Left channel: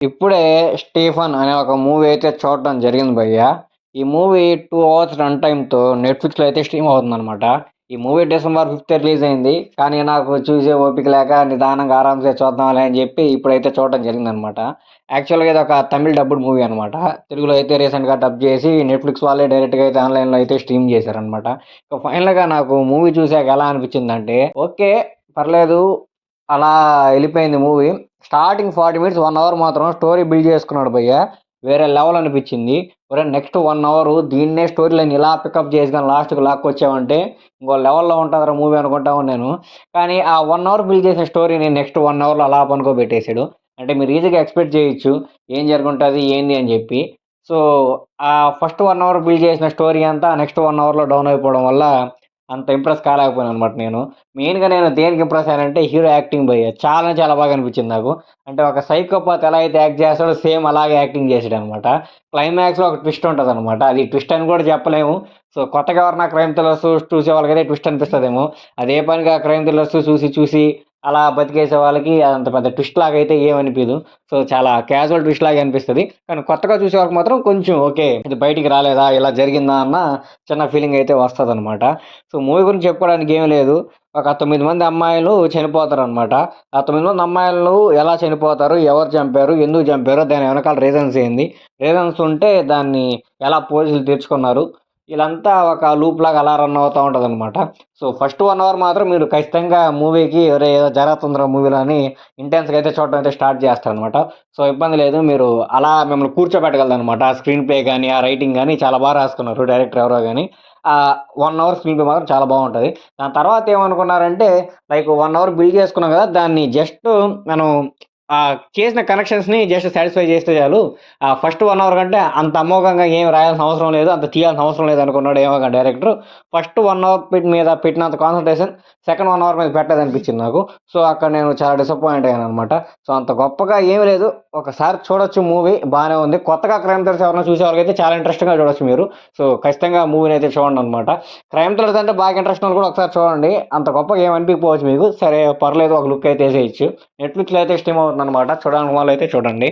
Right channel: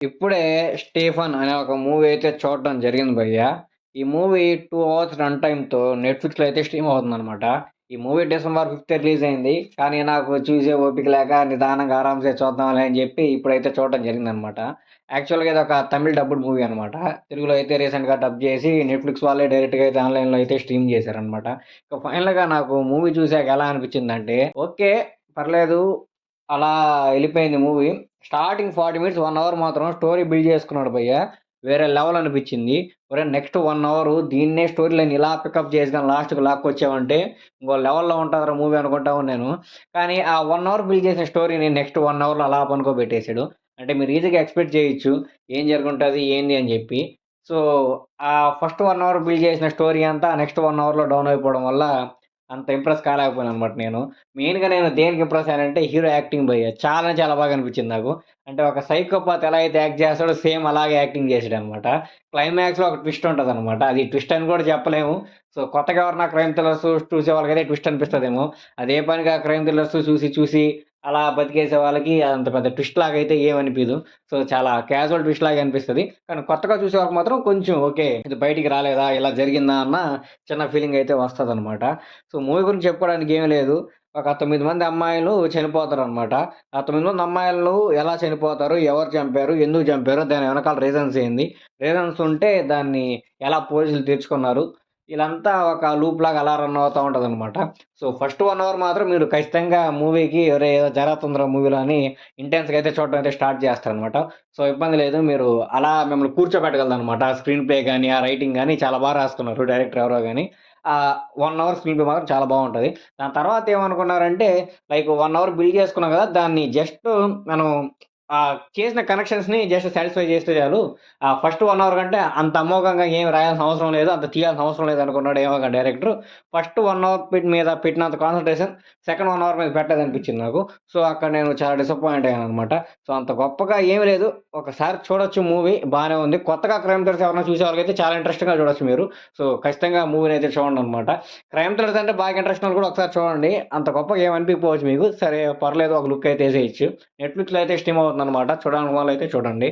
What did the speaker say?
ఇప్పుడే 'స్టీఫన్' అనే ఒక మూవీ అయితే చూడటం జరిగింది భయ్యా. ఈ మూవీ 2 అవర్స్ రన్ టైమ్‌తో నెట్‌ఫ్లిక్స్‌లో అయితే స్ట్రీమ్ అవుతుందనమాట. ఈ మూవీ డిసెంబర్ 5 రిలీజ్ అయింది. కానీ నాకు చూసే ఓపిక లేక నిదానంగా ఆరాంసే చూద్దాంలే అని చెప్పి ఇప్పుడైతే చూడటం జరిగిందనమాట. యాక్చువల్‌గా ఇదొక తమిళ్ డబ్బుడ్ మూవీ అనమాట. తెలుగులో అయితే రీసెంట్‌గా డబ్ చేసి నెట్‌ఫ్లిక్స్ వాళ్ళే డైరెక్ట్‌గా అయితే ఆన్‌లైన్‌లో అయితే స్ట్రీమ్ చేశారనమాట. ఇక ఫైనల్‌గా నాకు మూవీ చూసాక ఎలా అనిపించిందంటే, ఓకే. పర్లేదు. అలా ఎళ్ళిపోయింది మూవీ. స్టార్టింగ్ 40 మినిట్స్, 1 అవర్ మాత్రం స్టోరీ బిల్డ్ చేసుకున్నాడు భయ్య. వేరే లెవెల్ అనిపిచ్చింది. ఒరేయ్! నెక్స్ట్ 1 అవరు దీన్నే స్టోరీ లైన్ ఇలా పికప్ చేసి గాని లాస్ట్‌కి లాక్కొచ్చావంటే ఇంకో లెవెల్‌లో ఉంటదిరా మూవీ అనుకుంటా ఉన్నాను. కానీ ఆ 1 అవర్ బిల్డ్ చేసిన స్టోరీని నెక్స్ట్ 1 అవర్‌లో అలా పనుకోబెట్టేసాడు. అంటే మీరు ఈజీగా ఎక్స్‌పెక్ట్ చేయొచ్చు. ఏం జరుగుంటది? ఏంది? అని జెప్పి. సో, ఆ ఫస్ట్ 1 అవర్ బిల్డ్ చేసిన స్టోరీ అంతా నెక్స్ట్ 1 అవర్‌లో డౌన్ అయిపోవడం వల్ల అంత ఇంప్రెస్ కాలేకపోయాననమాట నేను. మెయిన్‌గా నేను దేనికి ఇంప్రెస్ అయ్యానంటే హీరో యాక్టింగ్ భయ్య. చాలా బాగా అనిపించింది నాకు. అంటే ఒక సైకోపాత్ ఎలా అయితే యాక్ట్ చేస్తాడో సేమ్ అలాగే యాక్టింగ్ చేసాడనమాట. క్లైమాక్స్‌లో ఒక ట్విస్ట్ ఉంటదనమాట. అది ట్విస్ట్ అని కూడా చెప్పలేము. సో, కొత్తగా ఎవరైనా క్రైమ్ థ్రిల్లర్స్ చూసే వాళ్ళకైతే ట్విస్ట్ అనిపిస్తదేమో. అదే పనిగా క్రైమ్ థ్రిల్లర్స్ చూసి అలా బతికేసే వాళ్ళకి అంత పెద్ద ట్విస్ట్ లాగా అయితే ఏమనిపియదు. సో, చాలా క్యాజువల్ ట్విస్ట్ లాగే అనిపిస్తది. కానీ కొత్తగా చూసే వాళ్ళకి మాత్రం కొంచెం ఓకే. ఇది బయటికి రాలేదా? ఇలా జరిగిందా? అన్న చిన్న ఫీలింగ్ అయితే వస్తదనమాట. సో, మూవీ గురించి చెప్పుకోవడానికి ఏమి లేదు. ఒక 9 మంది అమ్మాయిలు చనిపోతారనమాట. ఆ 9 మంది అమ్మాయిలు ఎలా చనిపోతారు? ఎవరు చంపారు? ఎందుకు చంపారు? దాని వెనకాల రీజన్స్ ఏంది? రీజన్స్ ఉంటే దాన్ని ఎలా పోలీసులు తెరుచుకున్నారు? ఈళ్ళంతా ఒక లూప్‌లాగా అలా రన్ అవుతా ఉంటదనమాట. సో, ఫస్ట్ 1 అవర్ మాత్రం మీరు ఖచ్చితంగా మూవీకి ఒరేయ్! ఏదో జరుగుతుందిరా మూవీలో అని ఇంటెన్స్‌గా అయితే చూడటం అయితే స్టార్ట్ చేస్తారనమాట. సో, ఇబ్బంది లేదు. మీరు అలా మిమ్మల్ని కూర్చోబెట్టగలదనమాట. ఆ స్క్రీన్ ప్లే గాని, ఆ రైటింగ్ గాని చాలా రాసుకున్నారు డైరెక్టర్ ఎవరో గాని. 1 అవర్ స్క్రీన్ ప్లే మాత్రం చాలా బావుంటది. దాని తర్వాత ఏమనుకున్నారంటే లైక్ 1 అవర్ బిల్డ్ చేసుకున్నాం గదా! దాన్ని జస్ట్ మనం చేసిన కనెక్షన్స్‌ని జస్ట్ సాటిస్ఫై చేస్తే చాలు. ఫస్ట్ 1 అవర్ కంటే అంత అమోఘంగా ఏమి రాయాల్సిన అవసరం లేదు. అంత తీయాల్సిన అవసరం లేదనుకున్నాడు ఏమో డైరెక్టర్. ఫస్ట్ 1 అవర్ మీద పెట్టినంత కాన్సంట్రేషన్ సెకండ్ 1 అవర్ మీద పెట్టలేదనిపించింది నాకు. సో, అక్కడ నేను చాలా డిసప్పాయింట్ అయ్యాననమాట. సో, అంత గొప్పగా ఏమి లేదు. ఒకసారి చూడొచ్చు మూవీ బానే ఉంది. కొత్తగా క్రైమ్ థ్రిల్లర్స్ ఎవరైనా చూసేవాళ్ళకైతే చాలా ఇంట్రెస్టింగ్‌గా చూడొచ్చు మీరు. సో, ఖచ్చితంగా మూవీనైతే చూడండనమాట. క్రైమ్ థ్రిల్లర్స్ అంటే బాగా ఇంట్రెస్ట్ ఉన్నోళ్ళు కూడా ఒకసారి చూడండి. అంత గొప్పగా ఏమి అనిపియకపోవచ్చు మీకు. సరే పర్లేదు ఒక లుక్ అయితే ఎసేయొచ్చు. నెట్‌ఫ్లిక్స్‌లో అయితే స్ట్రీమ్ అవుతుందనమాట. చూడాలనుకున్న వాళ్ళైతే చూడండి.